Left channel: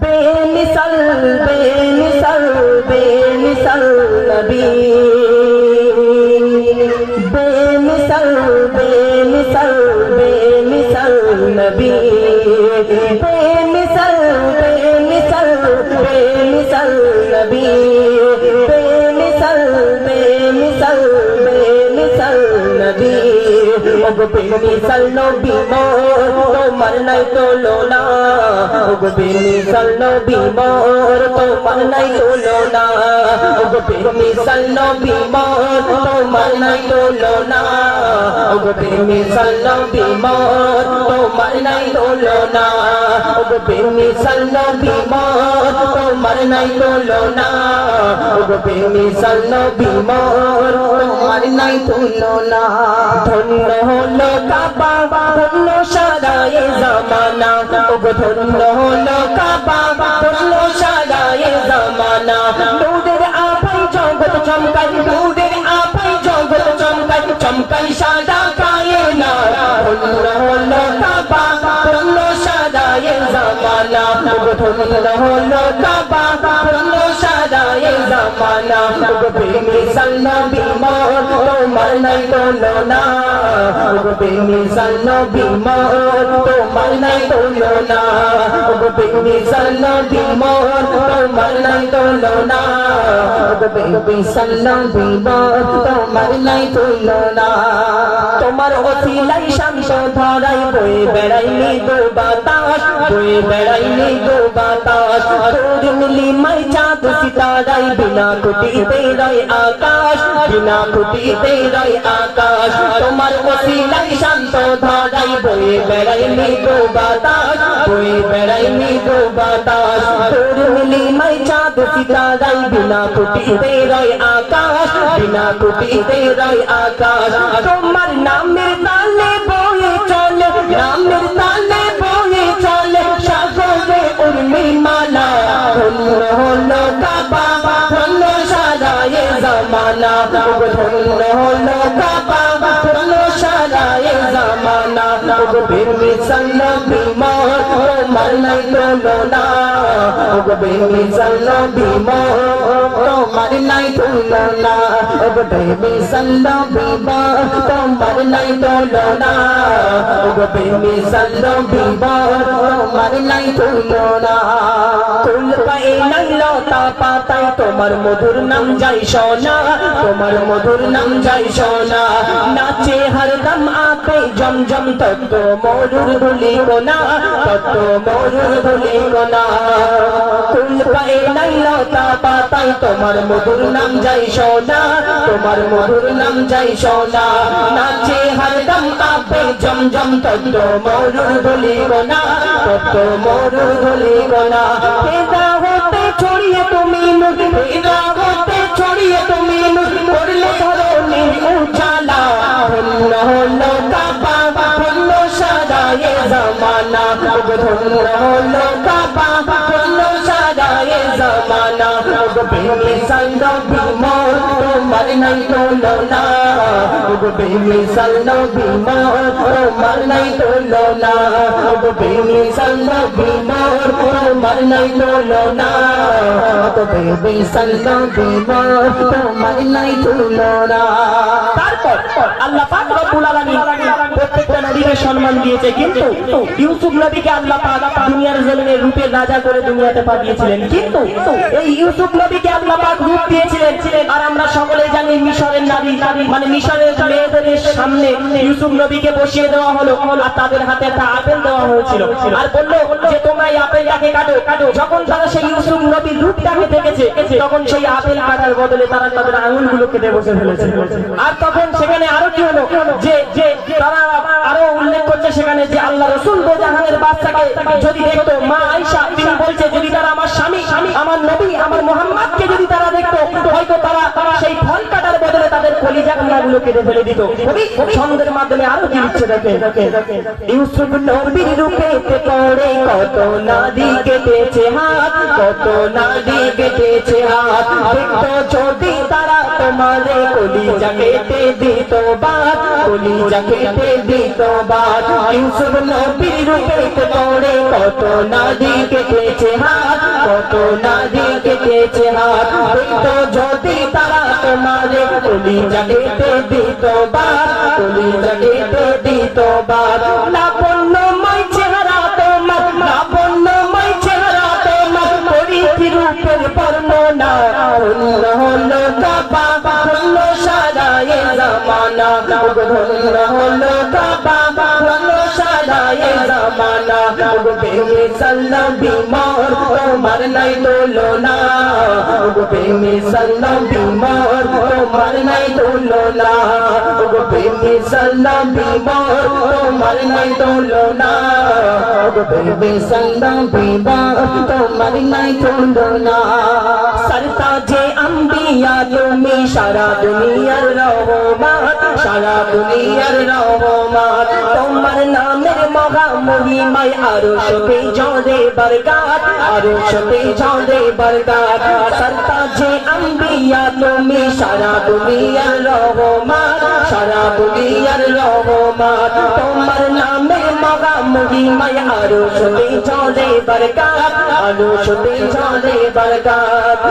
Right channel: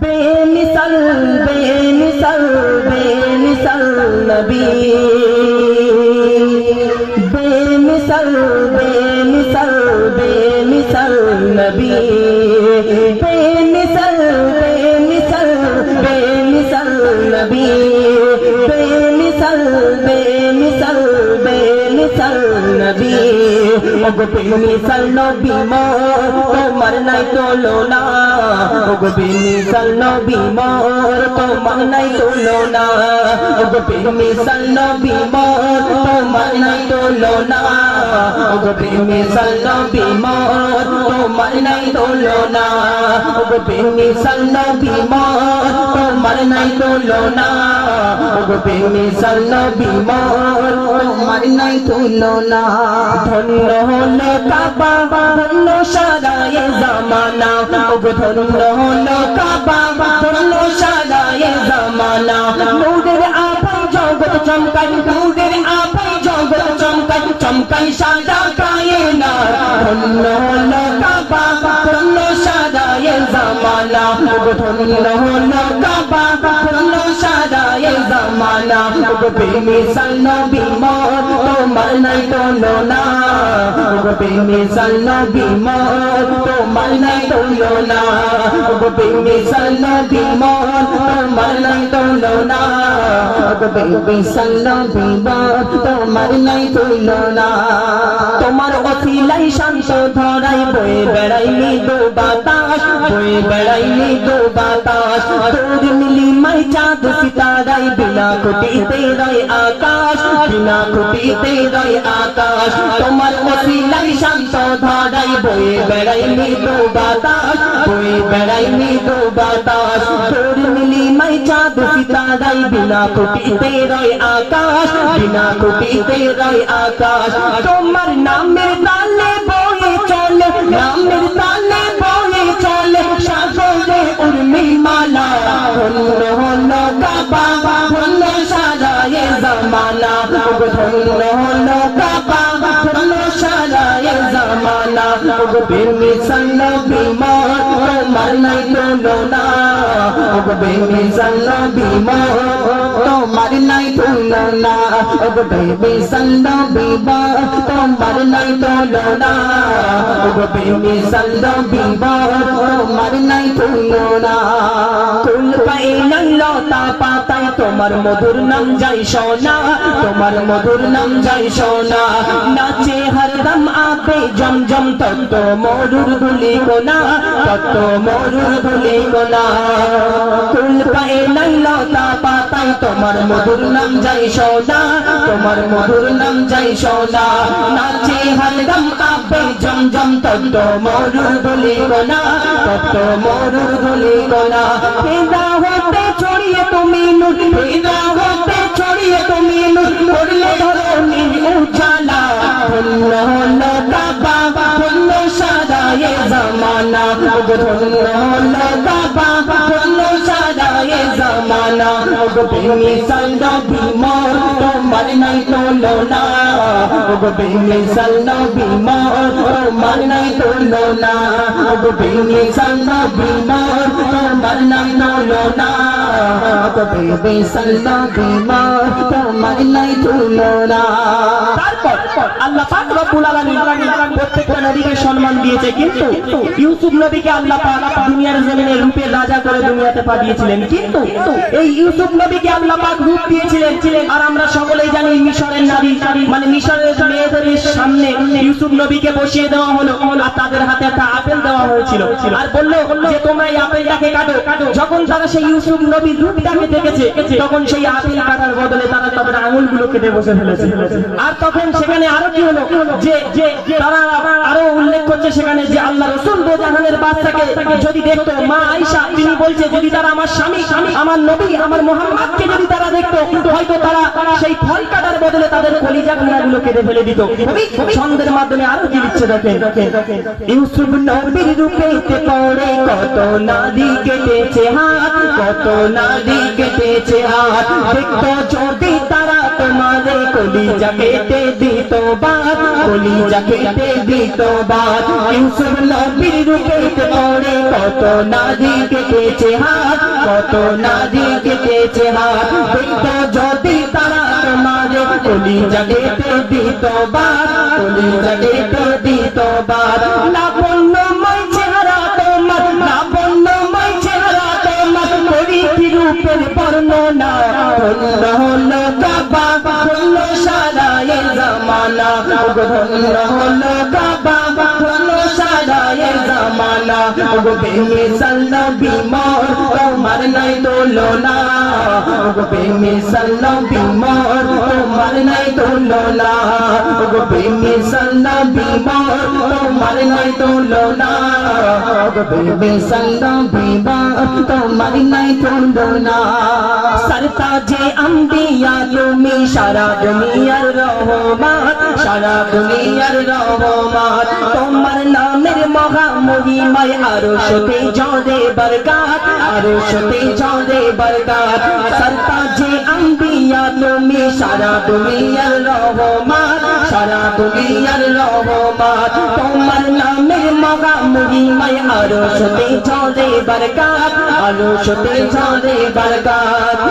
बेमिसाल बेमिसाल बेमिसाल नबी बेमिसाल बेमिसाल बेमिसाल नबी बेमिसाल बेमिसाल बेमिसाल नबी बेमिसाल बेमिसाल बेमिसाल नबी बेमिसाल नबी मोर তোমার নাই তুলনা বেমিসাল নবী মোর তোমার নাই তুলনা বেমিসাল নবী মোর তোমার নাই তুলনা বেমিসাল নবী মোর তোমার নাই তুলনা বেমিসাল নবী মোর তোমার নাই তুলনা বেমিসাল নবী মোর তোমার নাই তুলনা ধন্য হলো কাবা ধন্য সারায়ে জামানা ধন্য হলো কাবা ধন্য সারায়ে জামানা নূরের আভায় জগৎ চমকায় নূরের আভায় জগৎ চমকায় চমকায় সারা কায়না ধন্য হলো কাবা ধন্য সারায়ে জামানা ধন্য হলো কাবা ধন্য সারায়ে জামানা বেমিসাল নবী মোর তোমার নাই তুলনা বেমিসাল নবী মোর তোমার নাই তুলনা বেমিসাল নবী মোর তোমার নাই তুলনা বেমিসাল নবী মোর তোমার নাই তুলনা তোমার ওসিলাই শামস ধরাই বয়ে বেড়াই মৃদু বাতাস বয়ে বেড়াই মৃদু বাতাস তোর মিলি মাই চাঁদ সিতারাই বিনা খুঁটিতে রায় আকাশ বিনা খুঁটিতে রায় আকাশ তোমার ওসিলাই শামস ধরাই বয়ে বেড়াই মৃদু বাতাস বয়ে বেড়াই মৃদু বাতাস তোর মিলি মাই চাঁদ সিতারাই বিনা খুঁটিতে রায় আকাশ বিনা খুঁটিতে রায় আকাশ তোমার নামের তালে বয়ে চলে নামের তালে বয়ে চলে সাগরে উর্মি মালা ধন্য হলো কাবা ধন্য সারায়ে জামানা ধন্য হলো কাবা ধন্য সারায়ে জামানা বেমিসাল নবী মোর তোমার নাই তুলনা বেমিসাল নবী মোর তোমার নাই তুলনা বেমিসাল নবী মোর তোমার নাই তুলনা বেমিসাল নবী মোর তোমার নাই তুলনা কুল পাইলাম লতা পাতায় তোমার মধুর নাম যাই শোনা তোমার মধুর নাম যাই শোনা নাচে হরদম আঁখে জমজম তত্ত মধুর গুলি গোনা তত্ত মধুর গুলি গোনা কুল পাইলাম লতা পাতায় তোমার মধুর নাম যাই শোনা তোমার মধুর নাম যাই শোনা নাচে হরদম আঁখে জমজম তত্ত মধুর গুলি গোনা তত্ত মধুর গুলি গোনা ছড়িয়ে তুমি নুরা হতে ছড়িয়ে তুমি করলে উজালা ধন্য হলো কাবা ধন্য সারায়ে জামানা ধন্য হলো কাবা ধন্য সারায়ে জামানা বেমিসাল নবী মোর তোমার নাই তুলনা বেমিসাল নবী মোর তোমার নাই তুলনা বেমিসাল নবী মোর তোমার নাই তুলনা বেমিসাল নবী মোর তোমার নাই তুলনা তারপর আল্লাহ পাক রব্বুল আলামিন প্রত্যেকটা নবীকে সম্মান দিয়েছে কিন্তু ইউসুফ নবীকে আল্লাহ পাক দুনিয়ার জমিনে রূপের রাজা করে দুনিয়াতে পাঠিয়েছিলেন কিন্তু এই ইউসুফ নবীকে আল্লাহ পাক রূপ দিয়েছিলেন আর আমরা সকলেই জানি মিশরের নারী মানে মিশরের মেয়েদের সামনে ইউসুফ নবীকে বসিয়ে দেওয়া হলো আর তাদের হাতে একটা আপেল দেওয়া হয়েছিল আর বলল যে তোমরা এই আপেলটাকে কাটো যখন তারা সেই ইউসুফ নবীর রূপটাকে দেখেছে তখন সেই আপেল কাটার বদলে তারা তাদের আঙুলগুলো কেটে বসে ফেলেছে আর তখন সেখানে আরো কি হলো যে তারা আরো উল্লেখ করছে সেখানে যে আল্লাহ রাসূল দোজাহানের বাচ্চাকে যদি দেখতো মা আয়েশা তিনি বলছে যদি তারা আমার স্বামী আমার নবী আমার মুহাম্মদকে যদি তারা দেখতো হয়তো তারা সেই ফল কাটার বদলে তাদের কলিজা গুলো কেটে ফেলে দিত ছন্দের মাধ্যমে আরো কি দিচ্ছে দেখে ইউসুফ নবীর রূপে পড়ে কত নারী কেটেছে হাত কত নারী কেটেছে হাত দেখতো যদি তারা তোমারে কলিজা কেটে দিত বাদ কলিজা কেটে দিত বাদ ইউসুফ নবীর রূপে পড়ে কত নারী কেটেছে হাত বেমিসাল নবী মোর তোমার নাই তুলনা ওগো বেমিসাল নবী মোর তোমার নাই তুলনা ওগো বেমিসাল নবী মোর তোমার নাই তুলনা सरताजे अंबिया तुमी सारा दुनियार रहमान सारा दुनियार रहमान तुम्हार नामेर महा महिमाय आरुशते चढ़े बरकत आरुशते चढ़े बरकत सरताजे अंबिया तुमी सारा दुनियार रहमान सारा दुनियार रहमान तुम्हार नामेर महा महिमाय आरुशते चढ़े बरकत आरुशते चढ़े बरकत